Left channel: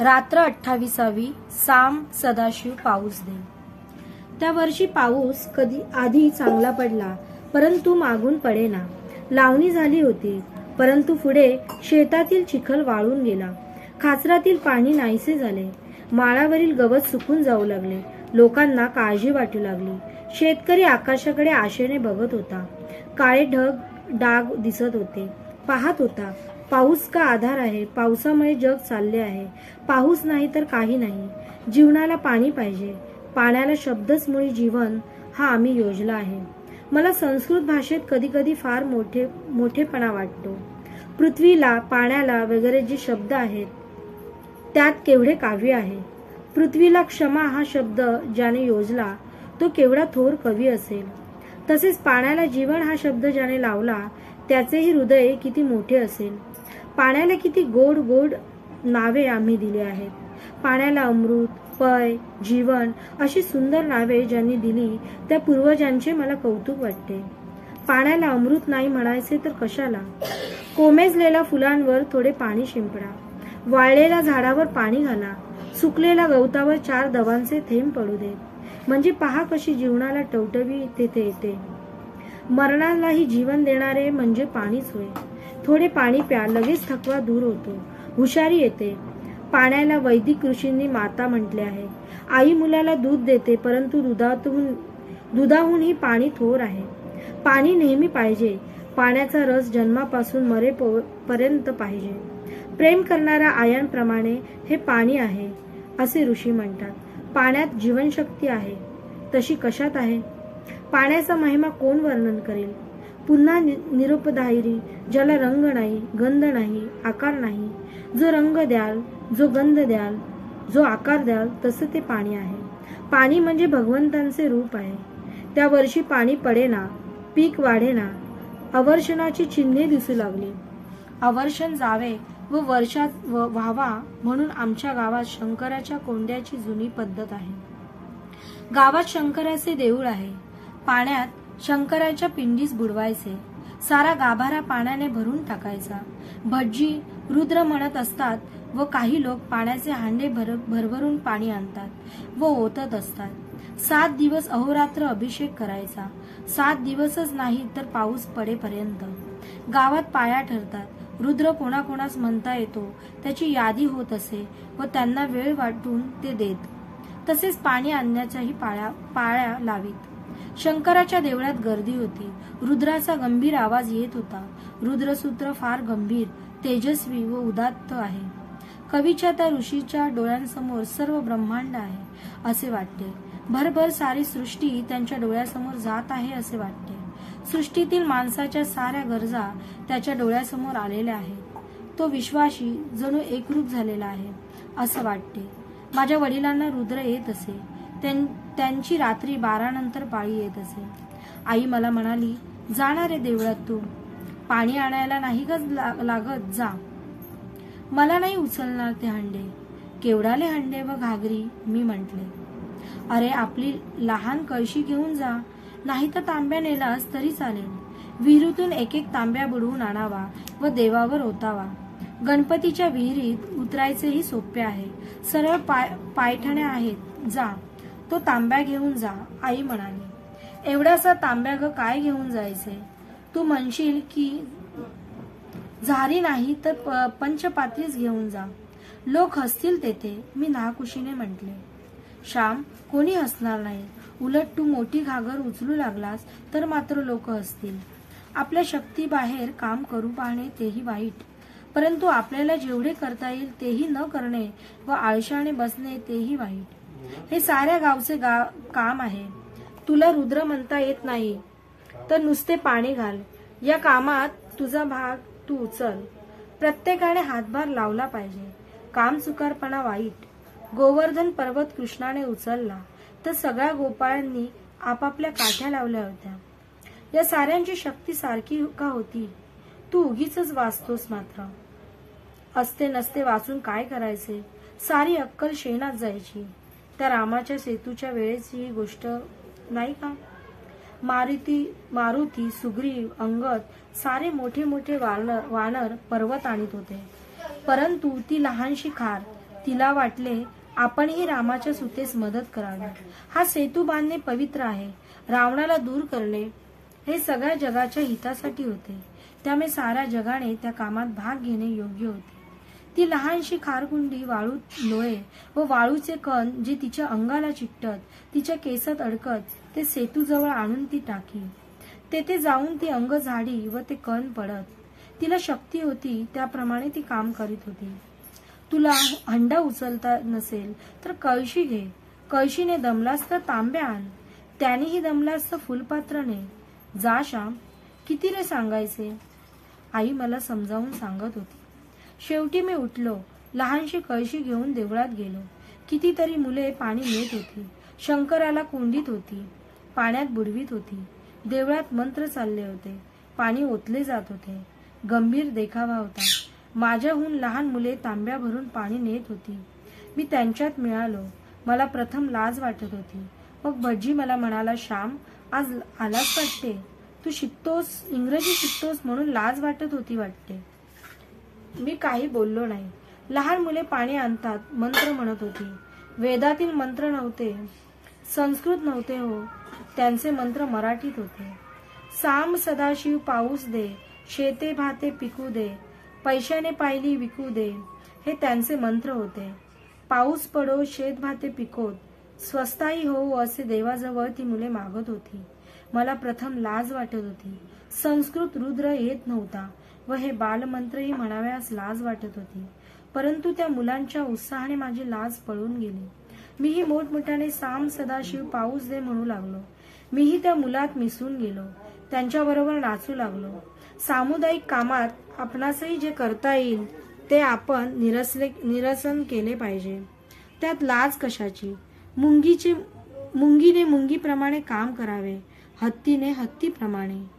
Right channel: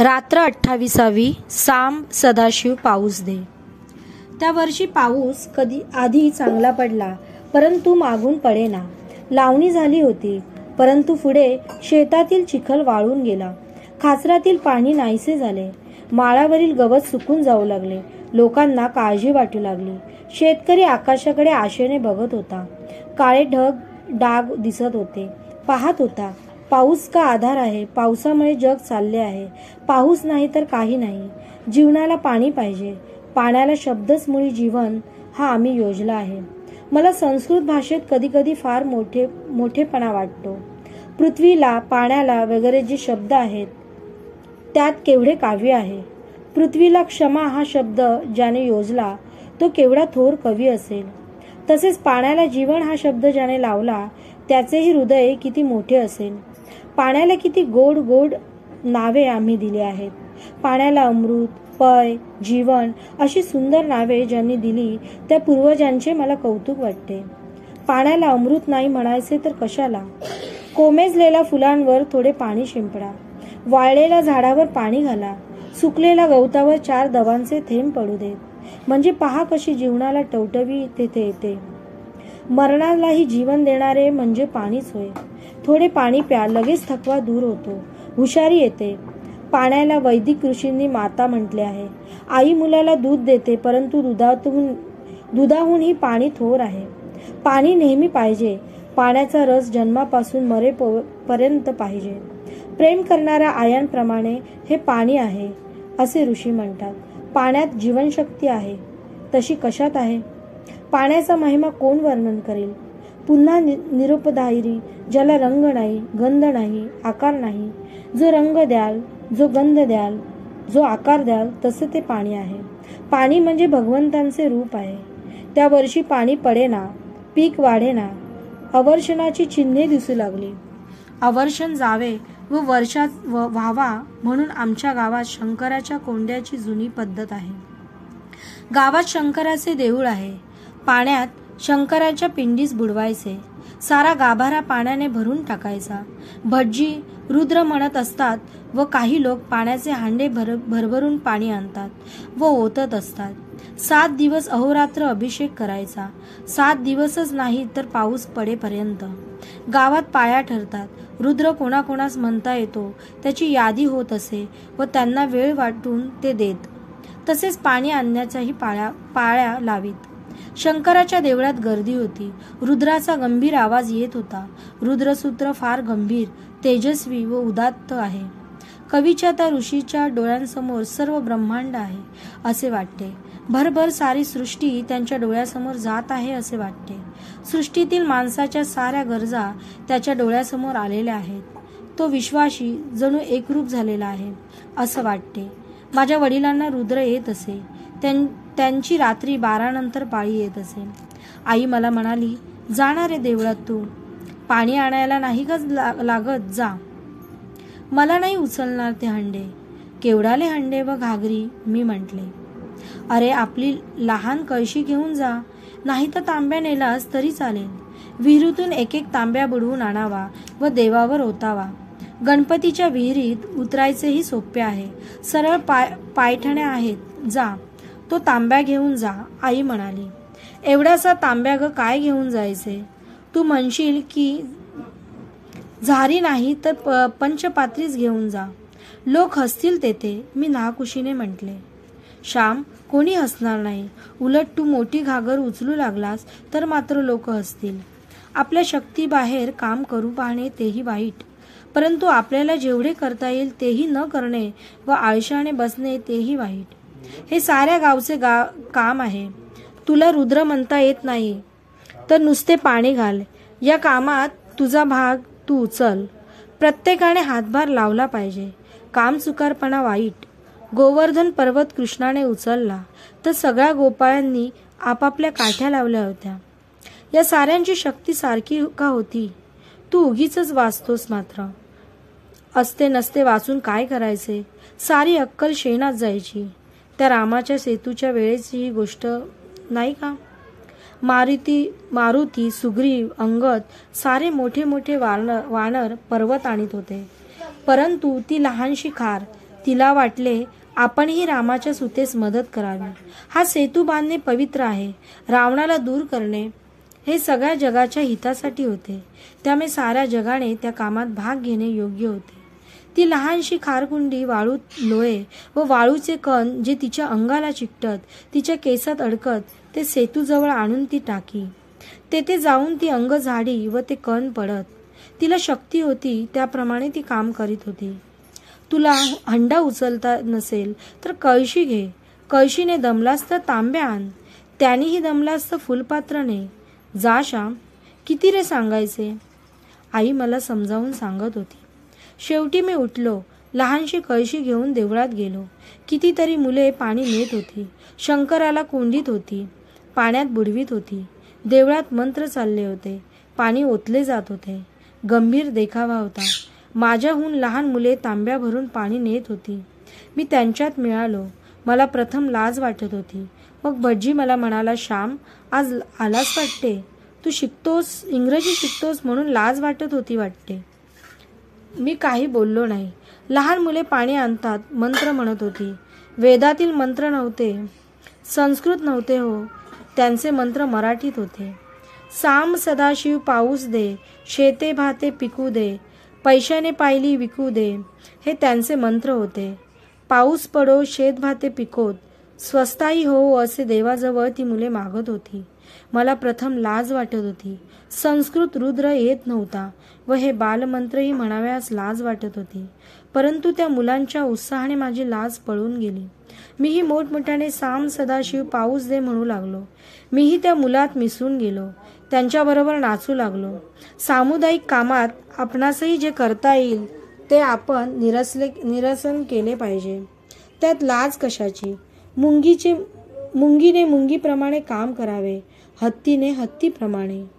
रात्र 28वी साम सदाशिव पाऊस दे। त्या वर्षी पाऊस कधी आधी चांगला पडला, परंतु मागून पडेना। लावणी झाली होती, परंतु पुढे शेतातील चिखल वाळून गेला। खाचरातील पाणी नाहीसे झाले। माळावरील गवत सुकून जाऊ लागले। लोकांना काळजी वाटू लागली। शेतकरी आकाशाकडे आशेने बघत होता। काळे डाग दिसत होते। पाहत होता, पाऊस का आधार आहे। पावसामुळे जग चालले आहे। पाऊस नाही तर काही नाही। जीवनाला पाणी पाहिजे। पाण्याला शब्दच मुळी जीवन हा आम्ही योजला आहे। मला संस्कृत भाषेत कधी कधी फार मोठेपणा वाटतो। पृथ्वीला, पाण्याला वगैरे जे शब्द आहेत त्यात केवढे काव्य आहे। पृथ्वीला क्षमा हा शब्द ज्याने योजला तो केवढा थोर कवी असेल। तसेच पाण्याला जीवन हा शब्द ज्याने लावला त्याचेही हृदय किती मोठे असेल। पाण्याला किती गोड गोड नावे आम्ही दिली आहेत। पाण्याला अमृत, पय, जीवन अशी सुंदर नावे ज्यांनी दिली त्या पूर्वजांचे मला कौतुक वाटते। पाण्याला अमृत नाही म्हणायचे तर कशाला। कोमेजलेल्या फुलांवर थोडे पाणी शिंपडा। वाळलेल्या झाडावर पाणी घाला। सुकलेल्या गवतावर 4 दवांचे थेंब पडू देत, म्हणजे पहा कशी जीवनाला टवटवी तेथे येते। मरणालाही जीवन देणारे म्हणजे पाणीच होय। थोडे पाणी प्या, लगेच थकवा दूर होतो, हुशारी येते। पाण्याला वैदिक ऋषींनी माता म्हटले आहे। आई मुलाला दूध देते, परंतु दुधाहूनही पाणी थोर आहे। पाणी नेहमी पाहिजे। पाण्याचा रस जन्मापासून मरेपर्यंत पाहिजे। प्रेम करणाऱ्या आयांप्रमाणे हे पाणी आहे असे ऋषी म्हणतात। पाण्यात जीवनशक्ती आहे, तशी कशात आहे? पाण्याचा महिमा कोण वर्णन करेल? पुन्हा निरुपद्रवी, ज्याला रंग नाही, गंध नाही, आकार नाही। जो रंग द्याल, जो गंध द्याल, जो आकार द्याल, तसे ते पाणी आहे। पाणी म्हणजे भगवंतांचे रूप आहे। त्या वर्षी पाणी पडेना, पीक वाढेना, अवर्षणाची चिन्हे दिसू लागली। अवर्षण जावे व वर्षात व्हावा म्हणून आमच्या गावात शंकराच्या कोंड्याची जुनी पद्धत आहे। गावात शंकराचे देऊळ आहे। पाण्यात शंकराच्या पिंडीस बुडवायचे। सारा गाभारा पाण्याने भरून टाकायचा। भटजी रुद्र म्हणत असतात व काही लोक पाण्याचे हांडे भरभरून पाणी आणतात व ओतत असतात। 7 दिवस अहोरात्र अभिषेक करायचा। 7 दिवसच नाही तर पाऊस पडेपर्यंत। गावात पाया ठरतात। रुद्र कोणाकोणास म्हणता येतो त्याची यादी होत असे व त्यांना वेळ वाटून ते देत। तसेच पाणी आणण्याच्याही पाळ्या लावीत। शंकराच्या देवळात गर्दी होती। रुद्राचा गंभीर आवाज येत होता। रुद्रसूत्र फार गंभीर, तेजस्वी व उदात्त आहे। कवीच्या त्या ऋषीच्या डोळ्यांसमोर सर्व ब्रह्मांड आहे असे वाटते। भरभर सारी सृष्टी त्यांच्या डोळ्यासमोर जात आहे असे वाटते। सृष्टीतील माणसाच्या साऱ्या गरजा त्याच्या डोळ्यासमोर आलेल्या आहेत। तो विश्वाशी जणू एकरूप झालेला आहे असं वाटते। माझ्या वडिलांना रुद्र येत असे। त्यांची रात्री 12 नंतर पाळी येत असे। आई मला म्हणाली, जाणार रे देवळात तू, पाणी आणायला नाही का लागत, जा। मला नाही उचलणार ते हंडे। केवढाले हंडे व घागरी, मी म्हटले। अरे आपली लहान कळशी घेऊन जा, नाही तर तांब्या नेलास तरी चालेल। विहिरीतून 1-1 तांब्या बुडवून आणावा व देवावर ओतावा। गणपतीच्या विहिरीत उतरायचेही सोपे आहे। सरळ पायठण्या आहेत, जा। तो तांब्या घेऊन जा, आई म्हणाली। एवढासा तांब्या ग काय घेऊन जायचे? तू म्हणशील की झारी नाही तर पंचपात्रीच घेऊन जा। लोक हसतील तेथे, मी नाकुशीने म्हटले। श्याम, कोणी हसणार नाही। उलट तू मोठी घागर उचलू लागलास तर मात्र लोक हसतील। आपल्या शक्तीबाहेर काम करू पाहणे तेही वाईट, परंतु आपल्याला जेवढे करता येईल तेही न करणे व आळशाने बसणे तेही वाईट। हे साऱ्या गावचे काम आहे। तुला रुद्र म्हणता येत नाही तर नुसते पाणी घाल। या कामात तुझा भाग तू उचल। प्रत्येकाने हातभार लावला पाहिजे। काम चुकारपणा वाईट। गोवर्धन पर्वत कृष्णाने उचलला तर सगळ्या गोपाळांनी आपापल्या काठ्या लावल्या होत्या। या साऱ्यांची शक्ती सारखी का होती? तू उगीचच वाचतोस मात्र। असते नसते वाचून काय करायचे? सारी अक्कल शेणात जायची। त्या रामाच्या सेतूच्या वेळेची ही गोष्ट नाही का? मारुती, सुग्रीव, अंगद सारे मोठे मोठे वानर पर्वत आणीत होते, परंतु ती लहानशी खार तिला वाटले आपणही रामाच्या सुतेस मदत करावी. हा सेतू बांधणे पवित्र आहे. रावणाला दूर करणे हे सगळ्या जगाच्या हितासाठी होते. त्यामुळे साऱ्या जगाने त्या कामात भाग घेणे योग्य होते. ती लहानशी खारकुंडी वाळूत लोळे व वाळूचे कण जे तिच्या अंगाला चिकटत, तिच्या केसात अडकत, ते सेतूजवळ आणून ती टाकी. तेथे जाऊन ती अंग झाडी व ते कण पडत. तिला शक्ती होती त्याप्रमाणे ती काम करीत होती. तुला हंडा उचलता नसेल तर कळशी घे. कळशीने दमलास तर तांब्या आण. त्यानेही दमलास तर फुलपात्र ने. जा श्याम. किती रे सांगायचे. आई मला समजावून सांगत होती. शेवटी मी उठलो. लहानशी कळशी घेऊन देवळात गेलो. कितीतरी मुले पाणी नेत होती. शंकराला कोंडीत होती. पाण्यात बुडवीत होती. देवळात मंत्र चालले होते. पाणी ओतले जात होते. गंभीर देखावा होता. माझ्याहून लहान मुले तांब्या भरून पाणी नेत होती. मी त्यांच्यात मिळालो. मला प्रथम लाज वाटत होती. मग भटजी मला म्हणाला, श्याम, आज आलास वाटते. तू शिकतोस, इंग्रजी शिकतोस म्हणून लाज वाटत होती वाटते. मी काही बोललो नाही. लहान मुले पाणी आणतात, मंत्र म्हणत होती. वेदातील मंत्र नव्हते, संस्कृत नव्हते हो. त्यांचे मंत्र मराठीत होते. साम सदाशिव पाऊस दे, शेते भाते पिकू दे, पैशाने पायली विकू दे, हे त्यांचे मंत्र होते. पाऊस पडो, शेत भाते पिकोत, स्वस्ताई हो, असे देवाजवळ ती मुले मागत होती. मला प्रथम लाज वाटत होती. संस्कृत रुद्र येत नव्हता व हे बालमंत्रही म्हणाव्यास लाज वाटत होती. परंतु त्या मुलांच्या उत्साहाने माझी लाज पळून गेली. मीही मोठमोठ्याने साम सदाशिव पाऊस दे म्हणू लागलो. मीही त्या मुलात मिसळून गेलो. त्यांच्याबरोबर नाचू लागलो. सामुदायिक कामात आपणासही जे करता येईल ते आपण निरसन केले पाहिजे. त्यात लाज कशाची. मुंगीने मुंगीप्रमाणे काम करावे, हत्तीने हत्तीप्रमाणे.